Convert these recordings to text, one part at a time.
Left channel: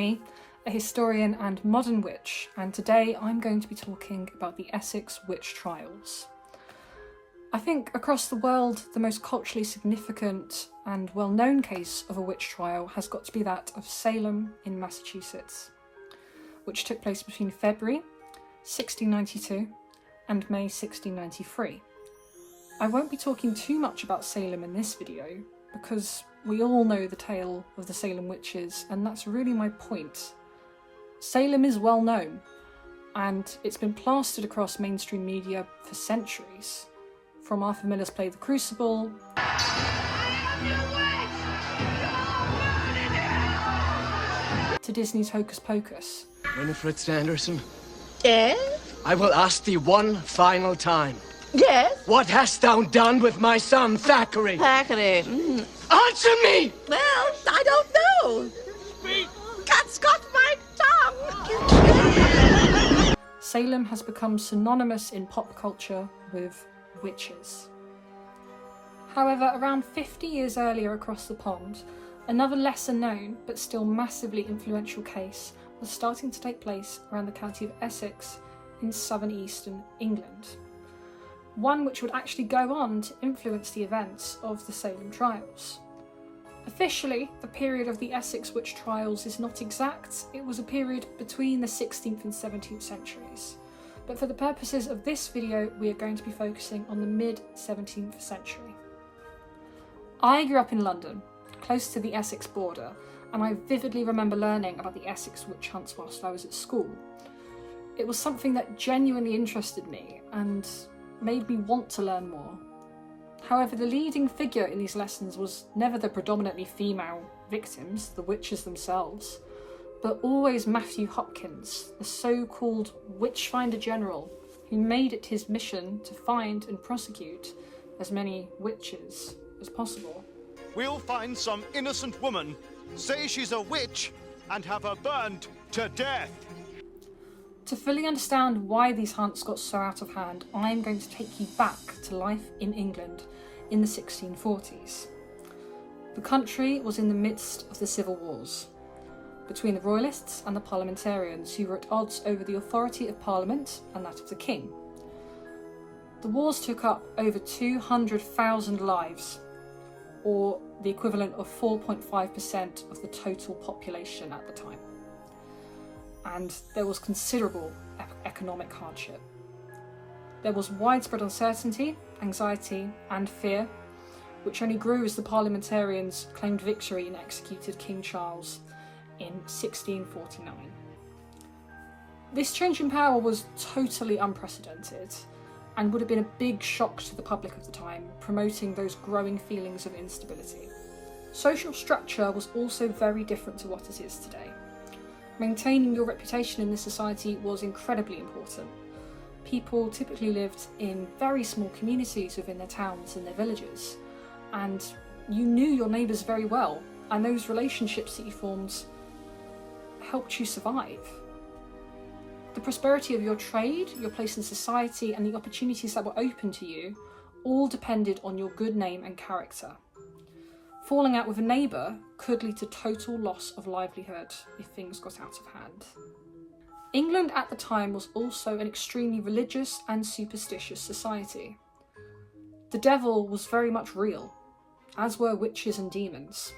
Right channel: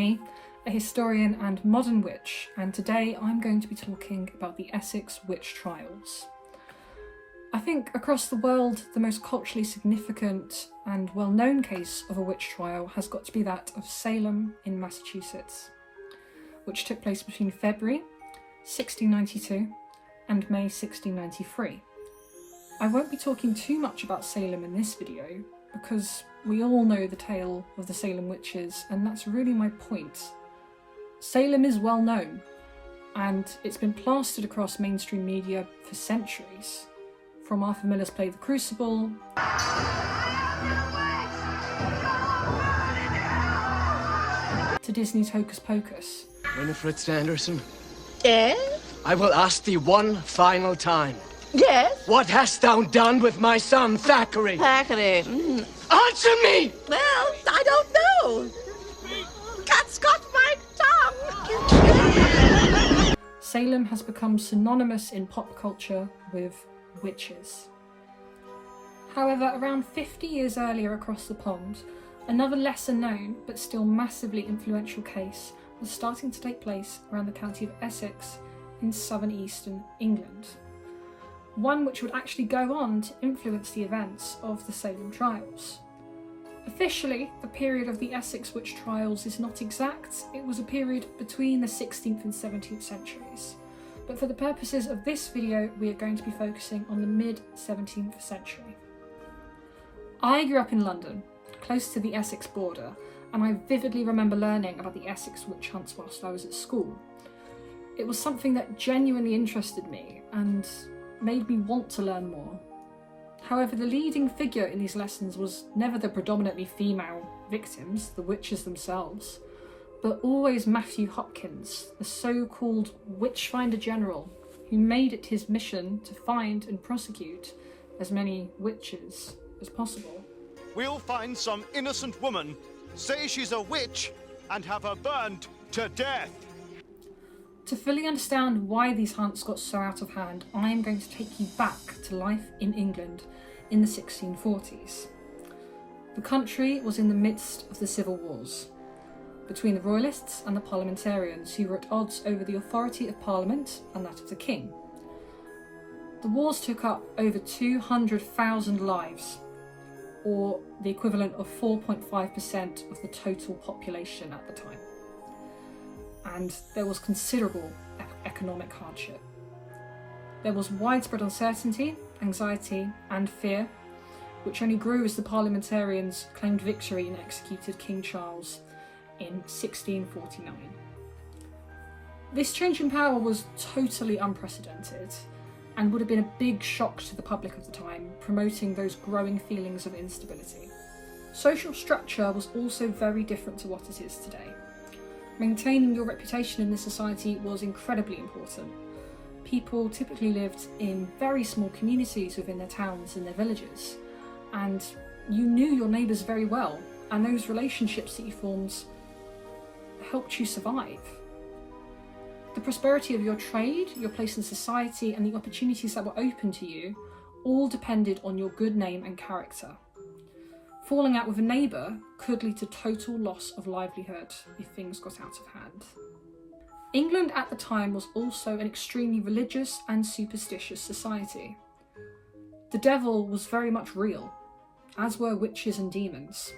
Bonnie, a historian and modern witch, and today I'm going to be talking about the Essex witch trials. I think across the world the most culturally significant and well-known case of a witch trial has got to be that of Salem in Massachusetts, which took place between February 1692 and May 1693. I won't be talking too much about Salem in this video because we all know the tale of the Salem witches, and that's really my point. Salem is well known, and it's been plastered across mainstream media for centuries, from Arthur Miller's play The Crucible to Disney's Hocus Pocus. Winifred Sanderson, Yes? I will ask thee one final time. Yes? What hast thou done with my son, Thackeray? Thackeray. Answer me! Well, I don't know. Cat's got my tongue. Salem has become synonymous in pop culture with witches. However, around 50 years earlier across the pond, another lesser known but still massively influential case was starting to take place around the county of Essex in southern-eastern England. One which would actually go on to influence the events of the Salem trials. Officially, the period of the Essex witch trials is not exact. It was a period between the 16th and 17th centuries. But for the purposes of this video, we are going to be focusing on the mid-17th century. I grew up in London, close to the Essex border, and I vividly remember learning about the Essex witch hunts whilst I was at school. It was something that genuinely interested me and made me want to learn more. However, the leading figure in these lessons was never the predominantly female victims, the witches themselves, but always Mathew Hopkins, the so-called Witchfinder general, who made it his mission to find and prosecute as many witches as possible. We'll find some innocent woman, say she's a witch, and have her burned to death. To fully understand why these hunts got so out of hand, I'm going to take you back to life in England in the 1640s. The country was in the midst of the civil wars between the royalists and the parliamentarians, who were at odds over the authority of Parliament and that of the king. The wars took up over 200,000 lives, or the equivalent of 4.5% of the total population at the time. And there was considerable economic hardship. There was widespread uncertainty, anxiety and fear, which only grew as the parliamentarians claimed victory and executed King Charles in 1649. This change in power was totally unprecedented and would have been a big shock to the public of the time, promoting those growing feelings of instability. Social structure was also very different to what it is today. Maintaining your reputation in this society was incredibly important. People typically lived in very small communities within their towns and their villages, and you knew your neighbours very well, and those relationships that you formed helped you survive. The prosperity of your trade, your place in society, and the opportunities that were open to you all depended on your good name and character. Falling out with a neighbour could lead to total loss of livelihood if things got out of hand. England at the time was also an extremely religious and superstitious society. The devil was very much real, as were witches and demons.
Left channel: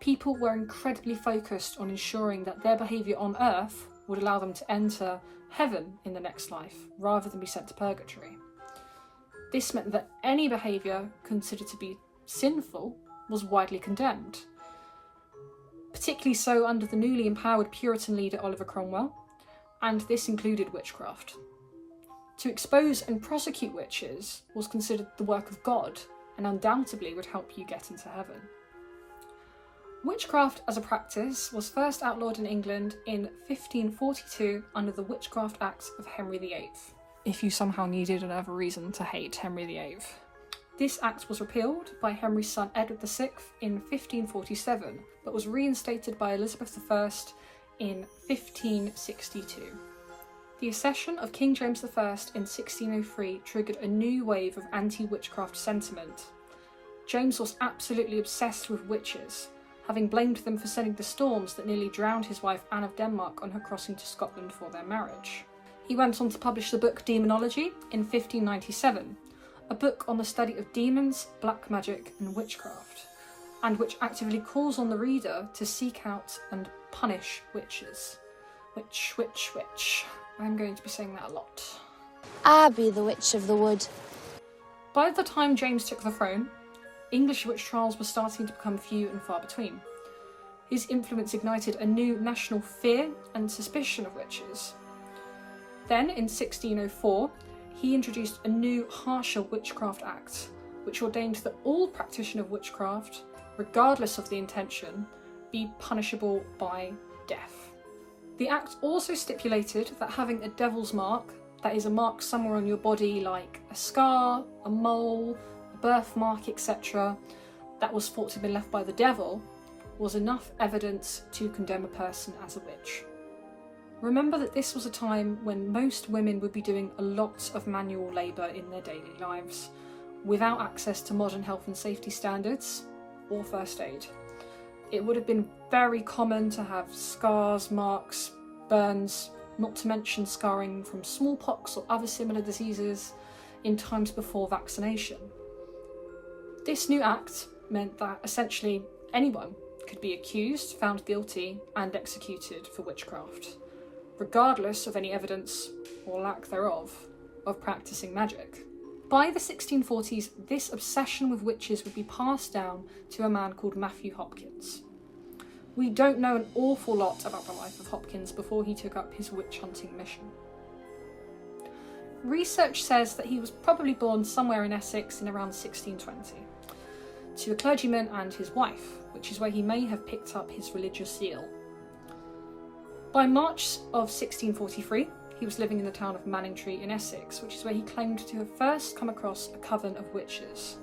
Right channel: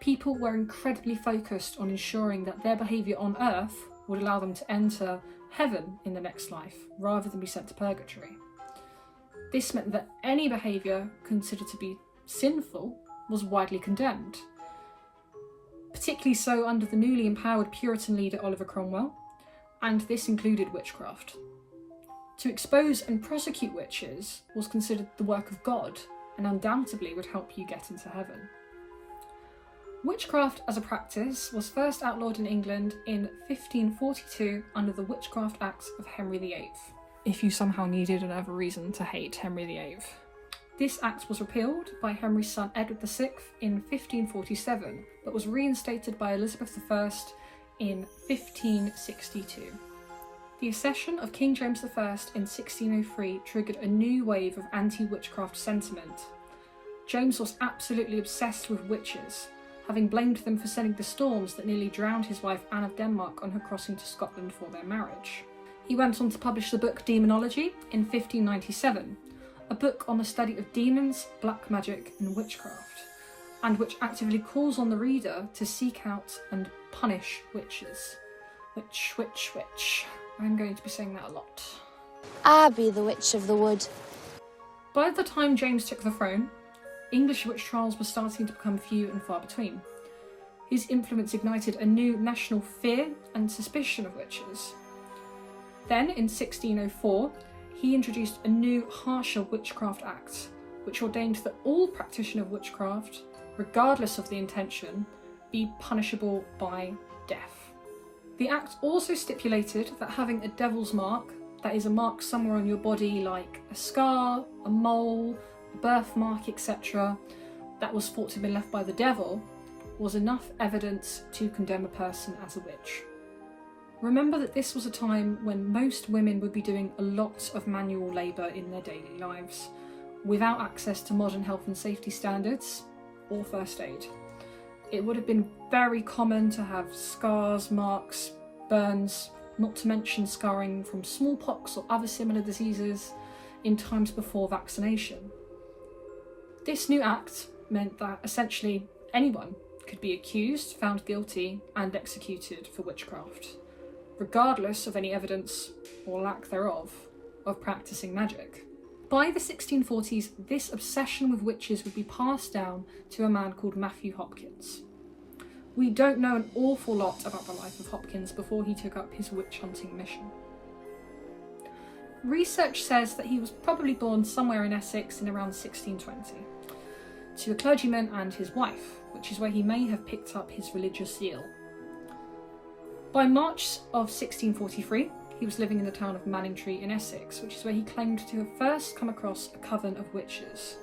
People were incredibly focused on ensuring that their behaviour on earth would allow them to enter heaven in the next life, rather than be sent to purgatory. This meant that any behaviour considered to be sinful was widely condemned, particularly so under the newly empowered Puritan leader Oliver Cromwell, and this included witchcraft. To expose and prosecute witches was considered the work of God, and undoubtedly would help you get into heaven. Witchcraft as a practice was first outlawed in England in 1542 under the Witchcraft Acts of Henry VIII, if you somehow needed another reason to hate Henry VIII. This act was repealed by Henry's son Edward VI in 1547, but was reinstated by Elizabeth I in 1562. The accession of King James I in 1603 triggered a new wave of anti-witchcraft sentiment. James was absolutely obsessed with witches, having blamed them for sending the storms that nearly drowned his wife Anne of Denmark on her crossing to Scotland for their marriage. He went on to publish the book Demonology in 1597, a book on the study of demons, black magic and witchcraft, and which actively calls on the reader to seek out and punish witches. Witch. I'm going to be saying that a lot. I be the Witch of the Wood. By the time James took the throne, English witch trials were starting to become few and far between. His influence ignited a new national fear and suspicion of witches. Then, in 1604, he introduced a new, harsher Witchcraft Act, which ordained that all practitioner of witchcraft, regardless of the intention, be punishable by death. The Act also stipulated that having a devil's mark, that is a mark somewhere on your body like a scar, a mole, a birthmark, etc., that was thought to have been left by the devil, was enough evidence to condemn a person as a witch. Remember that this was a time when most women would be doing a lot of manual labour in their daily lives, without access to modern health and safety standards or first aid. It would have been very common to have scars, marks, burns, not to mention scarring from smallpox or other similar diseases in times before vaccination. This new act meant that essentially anyone could be accused, found guilty and executed for witchcraft, regardless of any evidence, or lack thereof, of practising magic. By the 1640s, this obsession with witches would be passed down to a man called Mathew Hopkins. We don't know an awful lot about the life of Hopkins before he took up his witch-hunting mission. Research says that he was probably born somewhere in Essex in around 1620, to a clergyman and his wife, which is where he may have picked up his religious zeal. By March of 1643, he was living in the town of Manningtree in Essex, which is where he claimed to have first come across a coven of witches.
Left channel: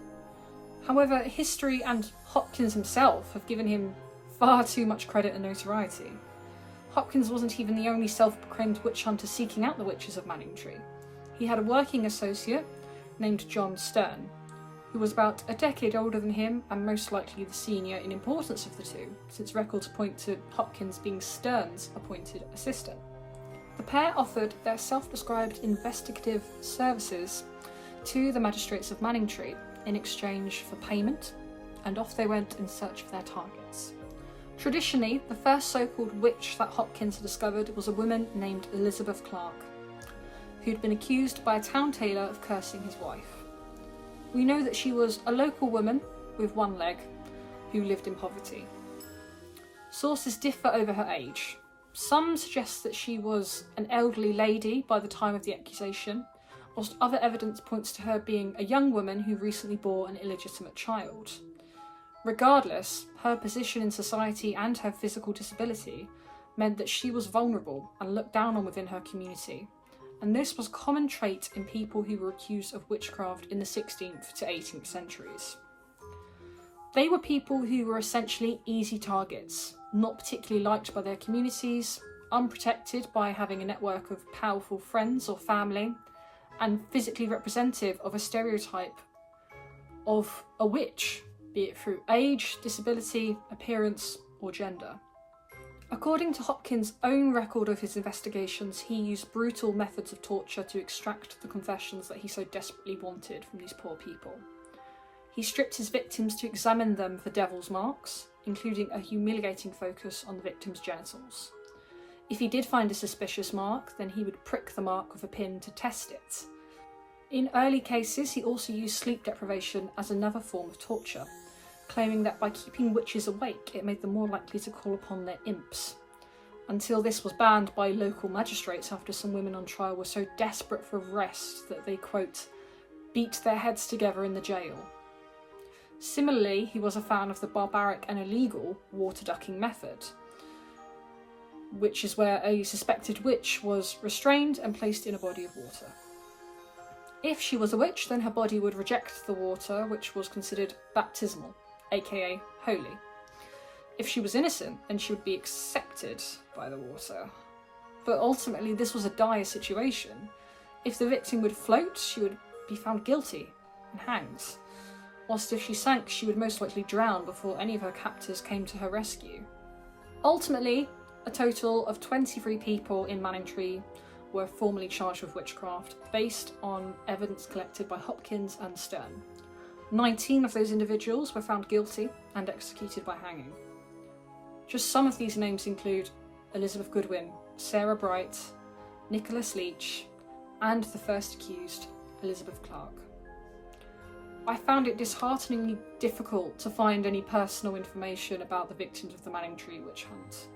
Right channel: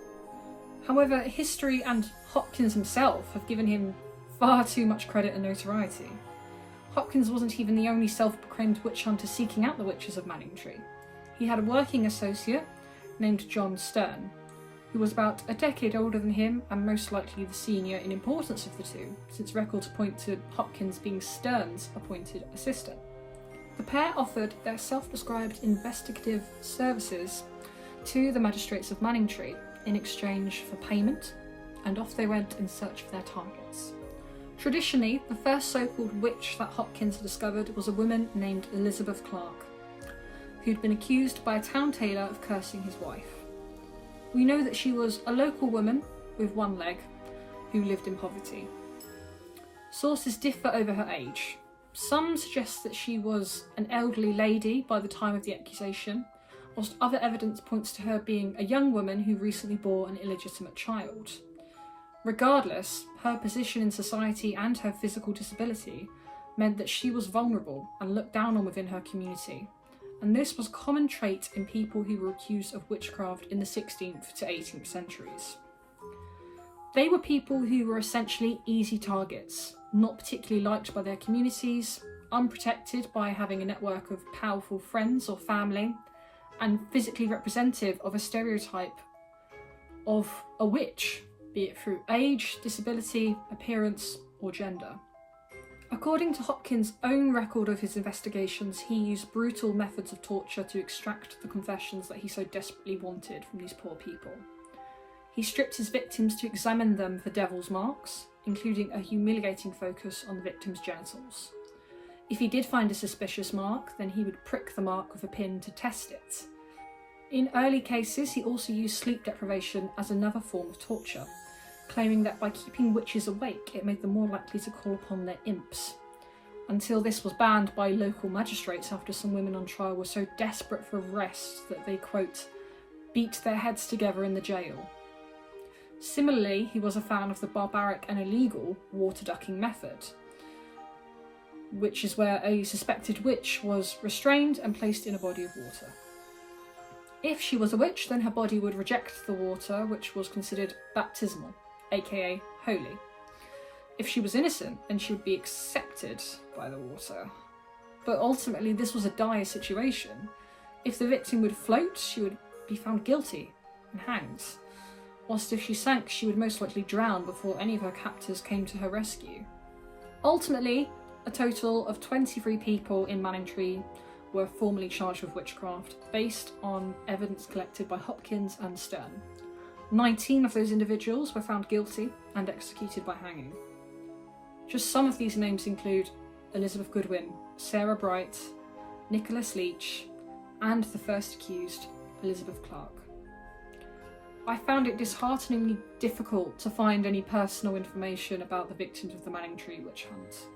However, history and Hopkins himself have given him far too much credit and notoriety. Hopkins wasn't even the only self-proclaimed witch hunter seeking out the witches of Manningtree. He had a working associate named John Stern, who was about a decade older than him and most likely the senior in importance of the two, since records point to Hopkins being Stern's appointed assistant. The pair offered their self-described investigative services to the magistrates of Manningtree in exchange for payment, and off they went in search of their targets. Traditionally, the first so-called witch that Hopkins discovered was a woman named Elizabeth Clark, who'd been accused by a town tailor of cursing his wife. We know that she was a local woman with one leg who lived in poverty. Sources differ over her age. Some suggest that she was an elderly lady by the time of the accusation, whilst other evidence points to her being a young woman who recently bore an illegitimate child. Regardless, her position in society and her physical disability meant that she was vulnerable and looked down on within her community, and this was a common trait in people who were accused of witchcraft in the 16th to 18th centuries. They were people who were essentially easy targets, not particularly liked by their communities, unprotected by having a network of powerful friends or family, and physically representative of a stereotype of a witch, be it through age, disability, appearance, or gender. According to Hopkins' own record of his investigations, he used brutal methods of torture to extract the confessions that he so desperately wanted from these poor people. He stripped his victims to examine them for devil's marks, including a humiliating focus on the victim's genitals. If he did find a suspicious mark, then he would prick the mark with a pin to test it. In early cases, he also used sleep deprivation as another form of torture, claiming that by keeping witches awake, it made them more likely to call upon their imps, until this was banned by local magistrates after some women on trial were so desperate for rest that they, quote, beat their heads together in the jail. Similarly, he was a fan of the barbaric and illegal water ducking method, which is where a suspected witch was restrained and placed in a body of water. If she was a witch, then her body would reject the water, which was considered baptismal, aka holy. If she was innocent, then she would be accepted by the water. But ultimately, this was a dire situation. If the victim would float, she would be found guilty and hanged. whilst if she sank she would most likely drown before any of her captors came to her rescue. Ultimately, a total of 23 people in Manningtree were formally charged with witchcraft based on evidence collected by Hopkins and Stern. 19 of those individuals were found guilty and executed by hanging. Just some of these names include Elizabeth Goodwin, Sarah Bright, Nicholas Leach, and the first accused, Elizabeth Clark. I found it dishearteningly difficult to find any personal information about the victims of the Manningtree witch hunt.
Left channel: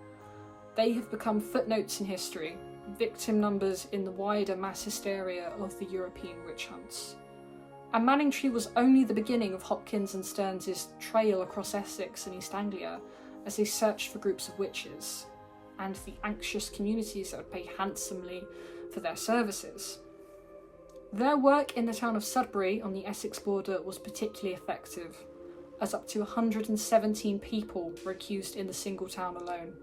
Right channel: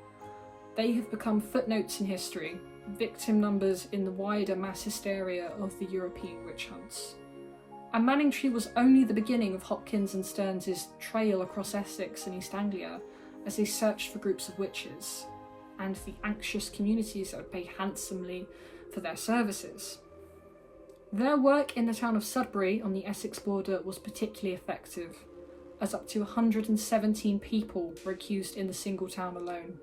They have become footnotes in history, victim numbers in the wider mass hysteria of the European witch hunts. And Manningtree was only the beginning of Hopkins and Stearns' trail across Essex and East Anglia as they searched for groups of witches, and the anxious communities that would pay handsomely for their services. Their work in the town of Sudbury on the Essex border was particularly effective, as up to 117 people were accused in the single town alone.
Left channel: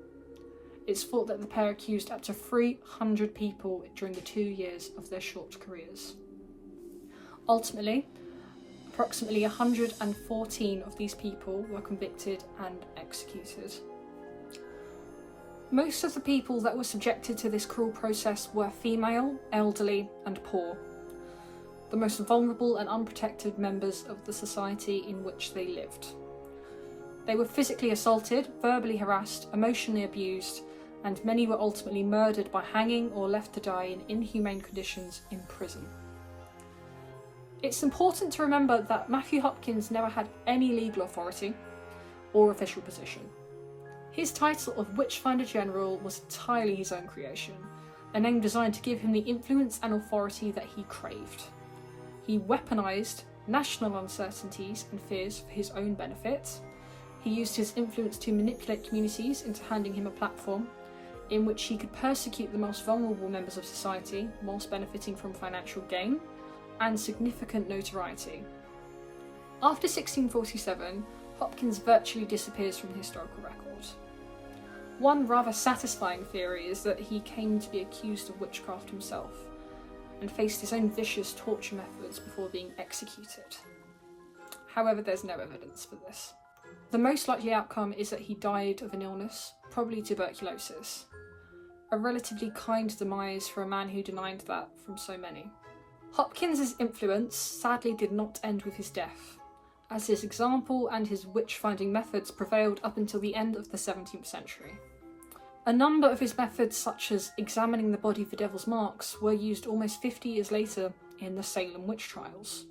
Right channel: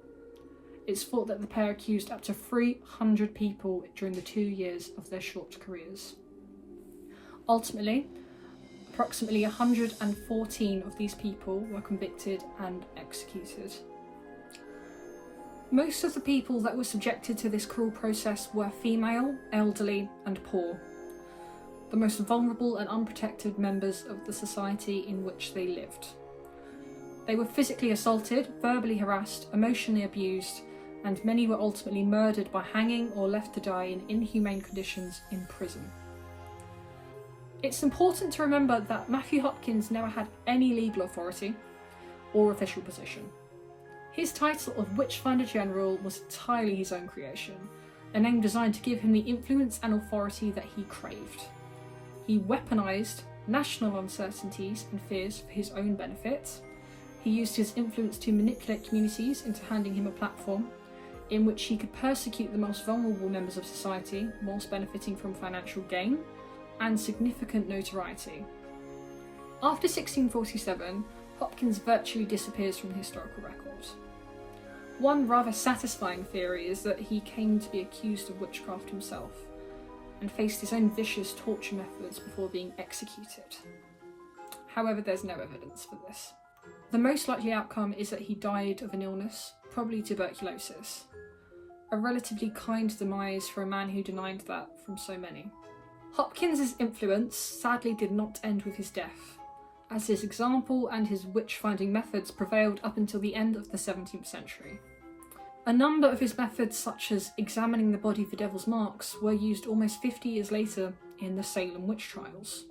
It's thought that the pair accused up to 300 people during the 2 years of their short careers. Ultimately, approximately 114 of these people were convicted and executed. Most of the people that were subjected to this cruel process were female, elderly, and poor, the most vulnerable and unprotected members of the society in which they lived. They were physically assaulted, verbally harassed, emotionally abused, and many were ultimately murdered by hanging or left to die in inhumane conditions in prison. It's important to remember that Mathew Hopkins never had any legal authority or official position. His title of Witchfinder General was entirely his own creation, a name designed to give him the influence and authority that he craved. He weaponised national uncertainties and fears for his own benefit. He used his influence to manipulate communities into handing him a platform in which he could persecute the most vulnerable members of society whilst benefiting from financial gain and significant notoriety. After 1647, Hopkins virtually disappears from the historical record. One rather satisfying theory is that he came to be accused of witchcraft himself and faced his own vicious torture methods before being executed. However, there's no evidence for this. The most likely outcome is that he died of an illness, probably tuberculosis. A relatively kind demise for a man who denied that from so many. Hopkins' influence sadly did not end with his death, as his example and his witch-finding methods prevailed up until the end of the 17th century. A number of his methods, such as examining the body for devil's marks, were used almost 50 years later in the Salem witch trials.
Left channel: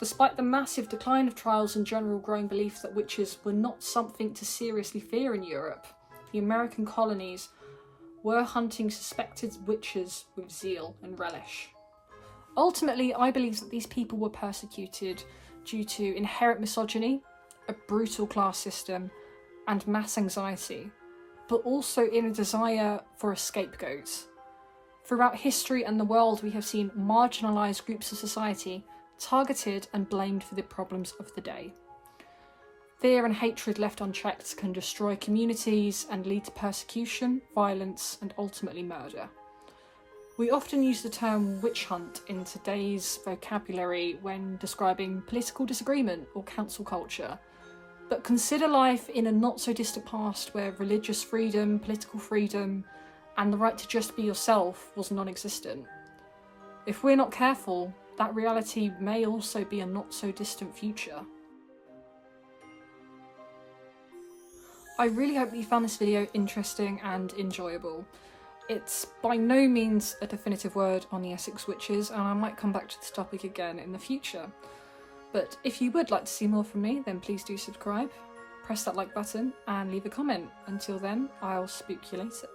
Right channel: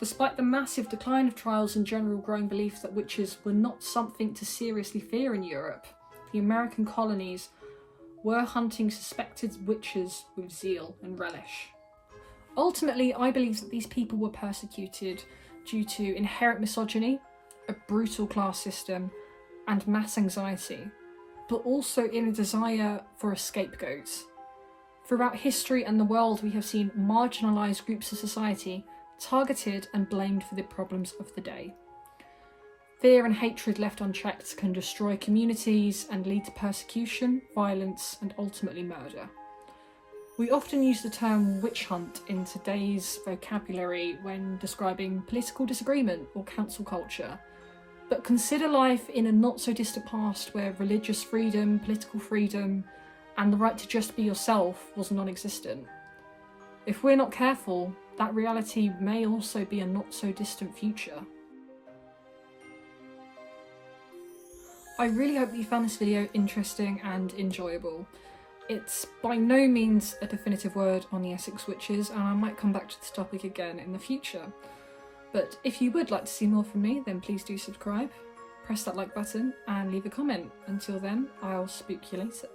Despite the massive decline of trials and general growing belief that witches were not something to seriously fear in Europe, the American colonies were hunting suspected witches with zeal and relish. Ultimately, I believe that these people were persecuted due to inherent misogyny, a brutal class system, and mass anxiety, but also in a desire for a scapegoat. Throughout history and the world, we have seen marginalised groups of society targeted and blamed for the problems of the day. Fear and hatred left unchecked can destroy communities and lead to persecution, violence, and ultimately murder. We often use the term witch hunt in today's vocabulary when describing political disagreement or cancel culture, but consider life in a not-so-distant past where religious freedom, political freedom, and the right to just be yourself was non-existent. If we're not careful, that reality may also be a not-so-distant future. I really hope you found this video interesting and enjoyable. It's by no means a definitive word on the Essex witches, and I might come back to this topic again in the future. But if you would like to see more from me, then please do subscribe, press that like button, and leave a comment. Until then, I'll speak to you later.